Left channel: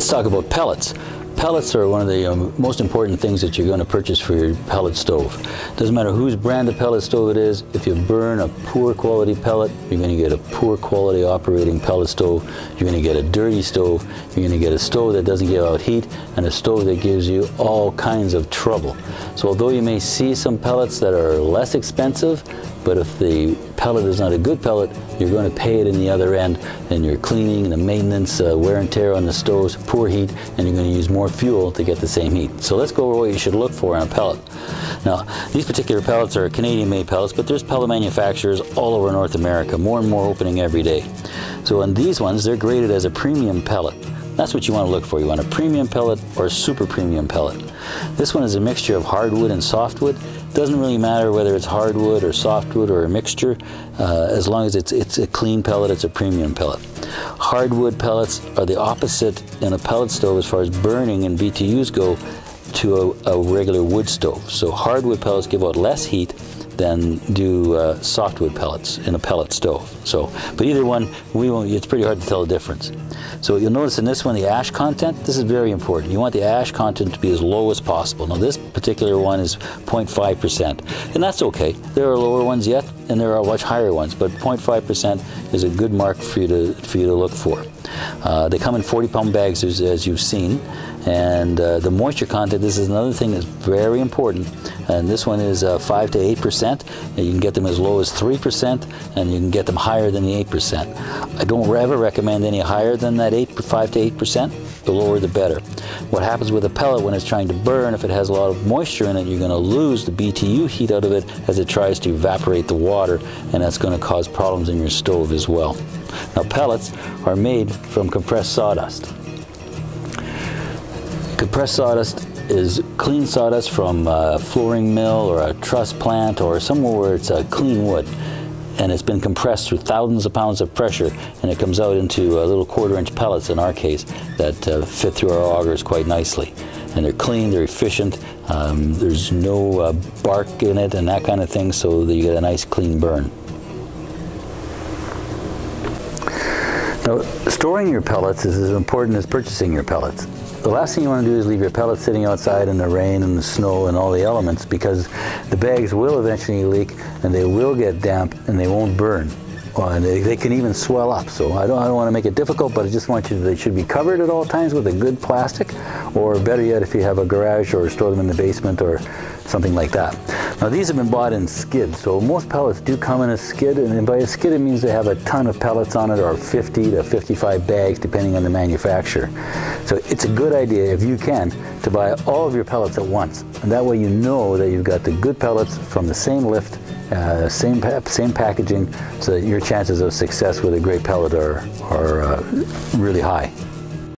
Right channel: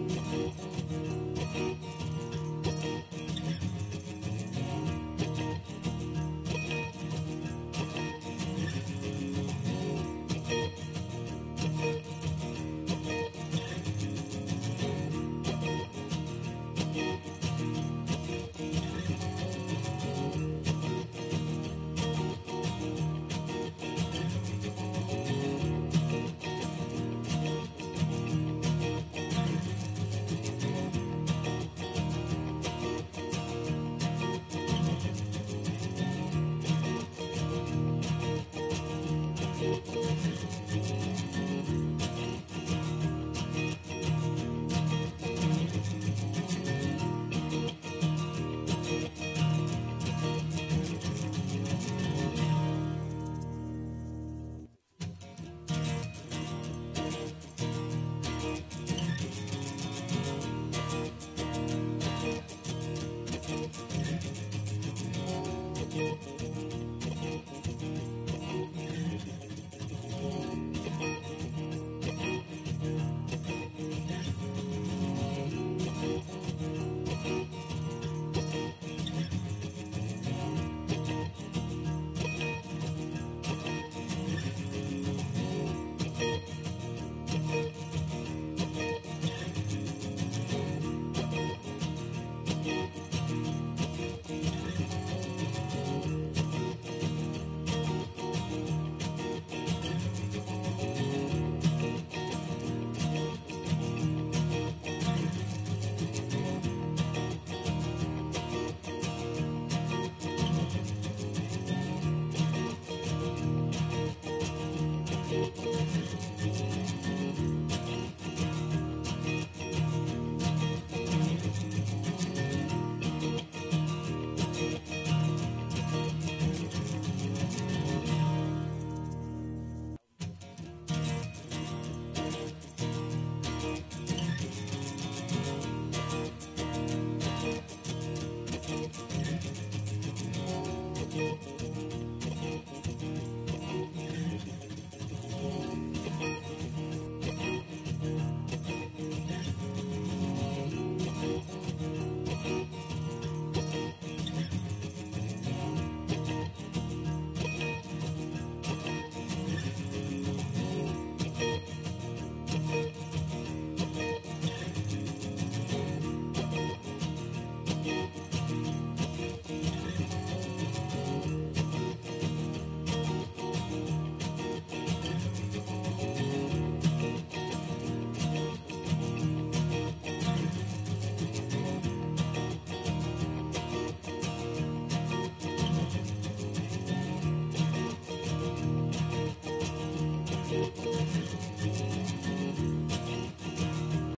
Let's talk about pellets. Pellets are one of the most important things that you're going to purchase for your pellet stove. Doesn't matter whose brand of pellet stove it is, if you burn a poor quality pellet, you're going to get a poor quality operating pellet stove. You're going to get a dirty stove. You're going to get a stove that doesn't give out heat, and a stove that gives you all kinds of trouble. So although you may see some pellets that are less expensive, but if the pellet is not a good pellet, you're going to pay it in the other end, and your cleaning, the maintenance, wear and tear on the stoves, poor heat, and you're going to use more fuel to get the same heat. So let's go over what you should look for in a pellet. Now, these particular pellets are Canadian-made pellets, but there's pellet manufacturers all over North America, more and more opening every day. So on these ones, they're graded as a premium pellet. That's what you want to look for. You want a premium pellet or a super premium pellet. This one is a mixture of hardwood and softwood. It doesn't really matter whether it's hardwood or softwood or a mixture. As long as it's a clean pellet, it's a premium pellet. Hardwood pellets are the opposite in a pellet stove as far as burning and BTUs go to a regular wood stove. So hardwood pellets give out less heat than do softwood pellets in a pellet stove. So, but either one, it's pretty hard to tell the difference. So you'll notice in this one, the ash content, this is very important. You want the ash content to be as low as possible. Now this particular one is 0.5%, and that's okay. There are lower ones yet, and there are much higher ones, but 0.5% is a good mark for you to look for. They come in 40-pound bags, as you've seen. And the moisture content, this is another thing that's very important, and this one is 5 to 8%, and you can get them as low as 3%, and you can get them higher than the 8%. I don't ever recommend any higher than that 5 to 8%, the lower the better. What happens with a pellet when it's trying to burn, if it has a lot of moisture in it, you're going to lose the BTU heat out of it as it tries to evaporate the water, and that's going to cause problems in your stove as well. Now pellets are made from compressed sawdust. Compressed sawdust is clean sawdust from a flooring mill or a truss plant or somewhere where it's a clean wood, and it's been compressed through thousands of pounds of pressure, and it comes out into little 1/4-inch pellets in our case that fit through our augers quite nicely. And they're clean, they're efficient, there's no bark in it and that kind of thing, so that you get a nice clean burn. Now, storing your pellets is as important as purchasing your pellets. The last thing you want to do is leave your pellets sitting outside in the rain and the snow and all the elements, because the bags will eventually leak and they will get damp and they won't burn. And they can even swell up. So I don't want to make it difficult, but I just want you, they should be covered at all times with a good plastic, or better yet, if you have a garage, or store them in the basement or something like that. Now these have been bought in skids, so most pellets do come in a skid, and by a skid it means they have a ton of pellets on it, or 50 to 55 bags depending on the manufacturer. So it's a good idea, if you can, to buy all of your pellets at once, and that way you know that you've got the good pellets from the same lift, same packaging, so that your chances of success with a great pellet are really high.